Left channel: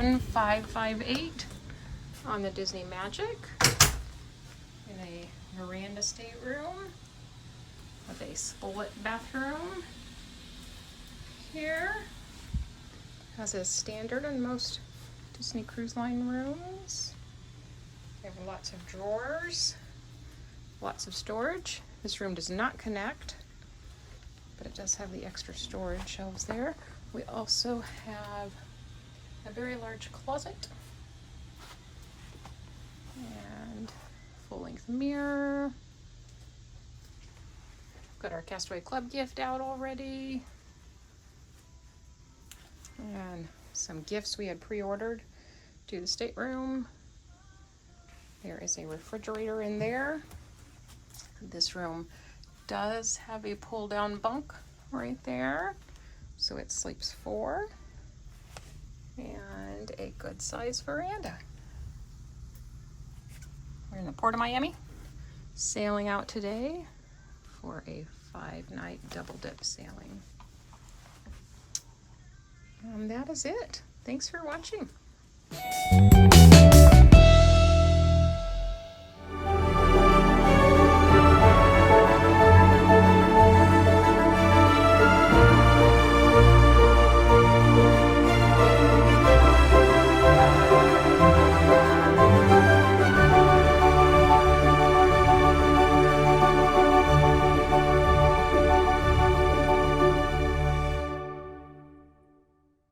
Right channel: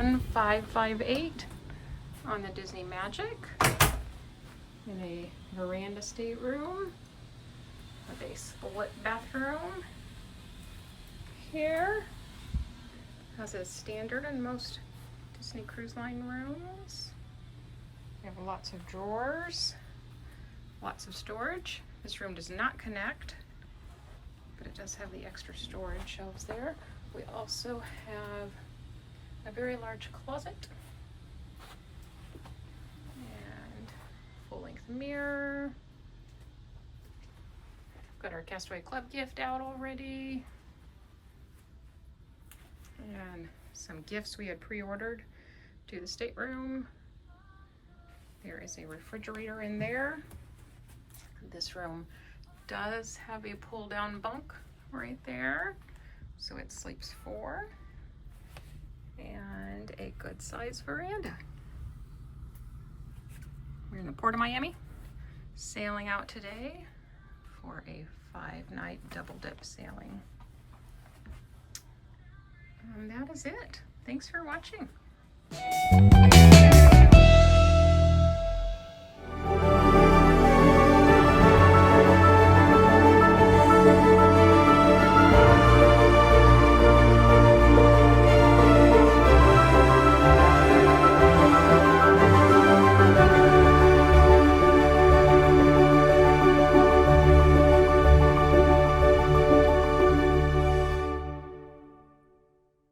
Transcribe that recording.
7558 on the Disney Magic in a veranda stateroom with a split bathroom here, as is standard in most Disney Cruise Line rooms. We have lots of drawers, lots of storage. This room does not connect, but it does have the extra storage shelves there. We also have a very large closet and full-length mirror. Got our Castaway Club gift out already. And some gifts we had pre-ordered to the stateroom. There is a refrigerator in there. This room does have a pull-down bunk right there, so it sleeps 4, and a good size veranda. We're in the Port of Miami, sailing out today for a 5-night double dip sailing. And that is it. Thanks for watching.